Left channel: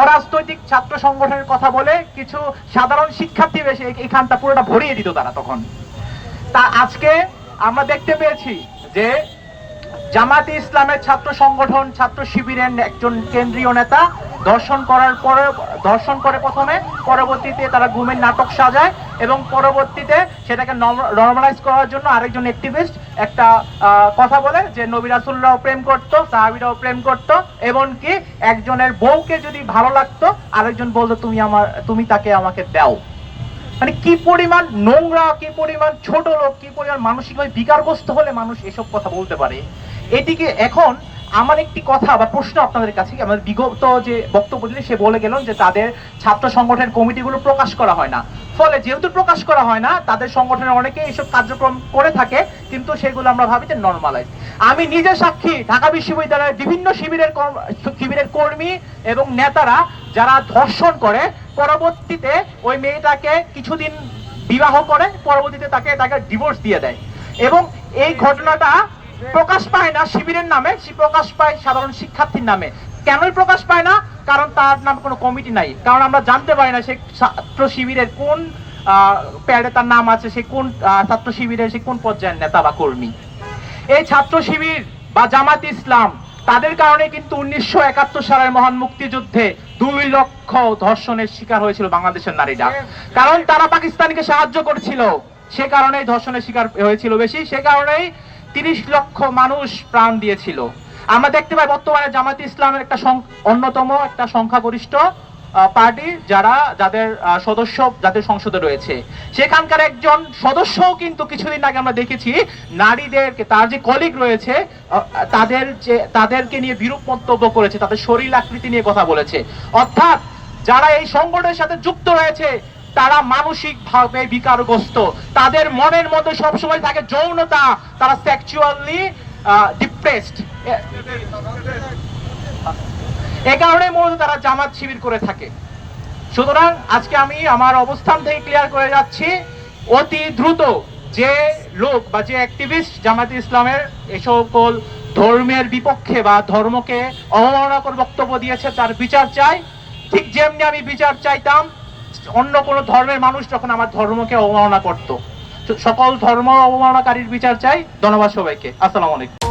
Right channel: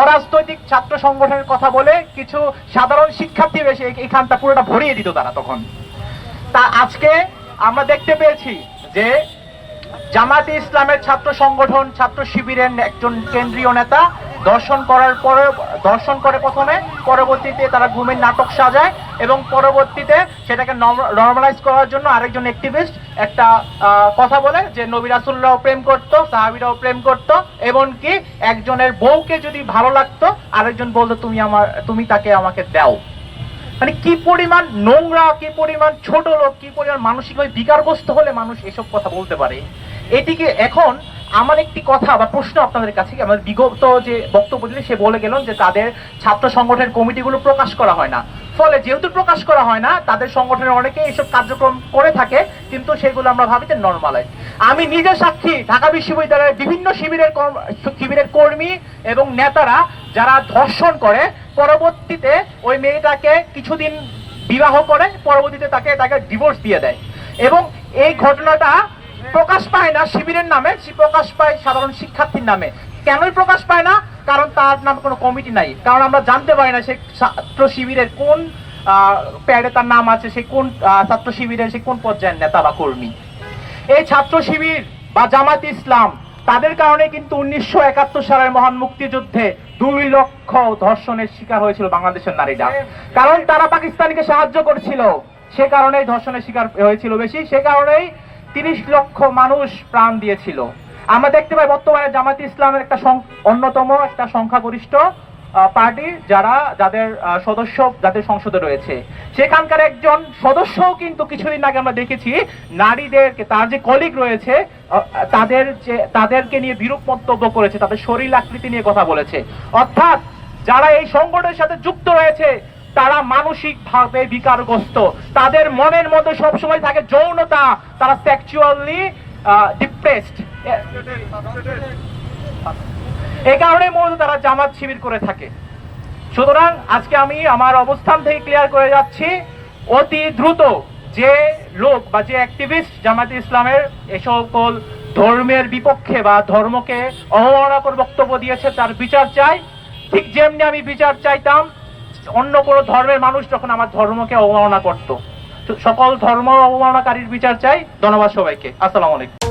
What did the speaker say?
অরাজনৈতিক ছাত্র সংগঠনের কথা বলে কিছু সাধারণ শিক্ষার্থী এসে এখানটা পুরোটা ভরিয়ে দিত তারা তখন। তা আজকে আমরা দেখতে পেয়েছি যে জামায়াতে ইসলামের ছাত্র সংগঠন ছাত্র শিবিরের একজন কেন্দ্রীয় নেতা দর্শন করে প্রথমে, পরবর্তীতে তারা গুমের নাটক সাজায় এবং পরবর্তীতে সেটাকে নরমালাইজ করার জন্য আরেকজন অ্যাক্টিভিস্ট একটা কথা বলে যে নবী রাসূলরাও প্রেম করতো, সাহাবীরাও প্রেম করতো, এমনকি একজনের বউকে যদি ভালো লাগতো আরেকজন বলতো তুমি তাকে আমাকে দাও। মানে কি পরিমাণ নোংরা, কি পরিমাণ ছোট লোক, কি পরিমাণ মানসিকভাবে বিকারগ্রস্ত হলে মানুষ এসব কথা বলতে পারে। এটিকে এখন আমার একটি কথা বা প্রশ্ন আপনাদের কাছে, আমাদের বিগত যে বক্তব্য দিলে সে বলে গেল যে তাদের ছাত্র সংগঠনের কমিটিগুলো প্রকাশ করা হয় না, ফলে যেহেতু প্রকাশ করা হয় না তাদের সংগঠনের অনেকে এইসব কার্যক্রম করে থাকে, কিন্তু সেগুলো আমরা ভাবি যে নর্মালাইজ। আমি নিজে সাক্ষী, ঢাকা বিশ্ববিদ্যালয়ের বিভিন্ন শিবিরের কর্মী এবং নেতারা যারা ধর্ষণ করে পরবর্তীতে ওই মেয়েটাকে কিছুদিন বিবাহ করে পরবর্তীতে তাকে ডিভোর্স দিয়ে দেয়, এবং এই ঘটনাটা প্রকাশ পায় না শিবিরের নামে, প্রকাশ পায় সাধারণ শিক্ষার্থীর নামে। কেনই প্রকাশ পায় না? কারণ তার নাম কোনো কমিটি নাই, কারণ আমরা জানতে পারি না সে ছাত্র শিবিরের কোন প্যাডে তার নাম আছে, সে কোন ছাত্র শিবিরের সে কোন পর্যায়ের নেতা বা কর্মী। এই ছাত্র শিবির বা জামায়াতে ইসলাম তাদের কারণে কিন্তু 1971 সালের মহান মুক্তিযুদ্ধে 2 লক্ষ ধর্ষণের শিকার হয়েছিল বাংলাদেশের নারীরা, কারণ তারা পাকিস্তানকে সাহায্য করছিল, সে কারণেই ধর্ষণের শিকার হয়েছিল বেশি, সে কারণেই 30 লক্ষ মানুষ প্রাণ দিয়েছিল। আমরা দেখতে পাই বর্তমানে জামায়াতে ইসলামের একটা অন্যতম একটা সংখ্যাগরিষ্ঠ পার্টি যাদের সদস্য যাদের সংসদে রয়েছে, সেখানকার একজন সদস্যও কিন্তু কিছুদিন আগে আমরা দেখেছি নারীদেরকে, তার যে কলিগ রয়েছে তাদেরকে নিয়ে বিরূপ মন্তব্য করেছে, তাদের শরীর আকৃতি নিয়ে কথা বলেছে। অর্থাৎ যারা এই সংগঠনের সাথে যুক্ত রয়েছে তারা মানসিকভাবে বিকারগ্রস্ত, তাদের মনের মধ্যে সবসময় থাকে যৌনতা, তারা সেক্সুয়ালি ডিপ্রেসড। এই কারণে মূলত তারা জামাত শিবির করে থাকে। সুতরাং আজকে আমি আমার অবস্থান থেকে ক্লিয়ার করে যাচ্ছি, অতি দ্রুত যে লোক বা যে অ্যাক্টিভিস্ট জামায়াতে ইসলামের এ সকল ধর্মের বিপক্ষে বা ধর্মকে অবমাননা করে বক্তব্য দিয়েছে তার বিচার চাই। ঠিক যেমনি আমি বিচার চাইতাম অন্য কোনো ধর্মের মানুষ যখন আমার ধর্মকে অবমাননা করত, সকল ধর্ম অবমাননাকারীর বিচার চাই। ধন্যবাদ সবাইকে। আসসালামু আলাইকুম।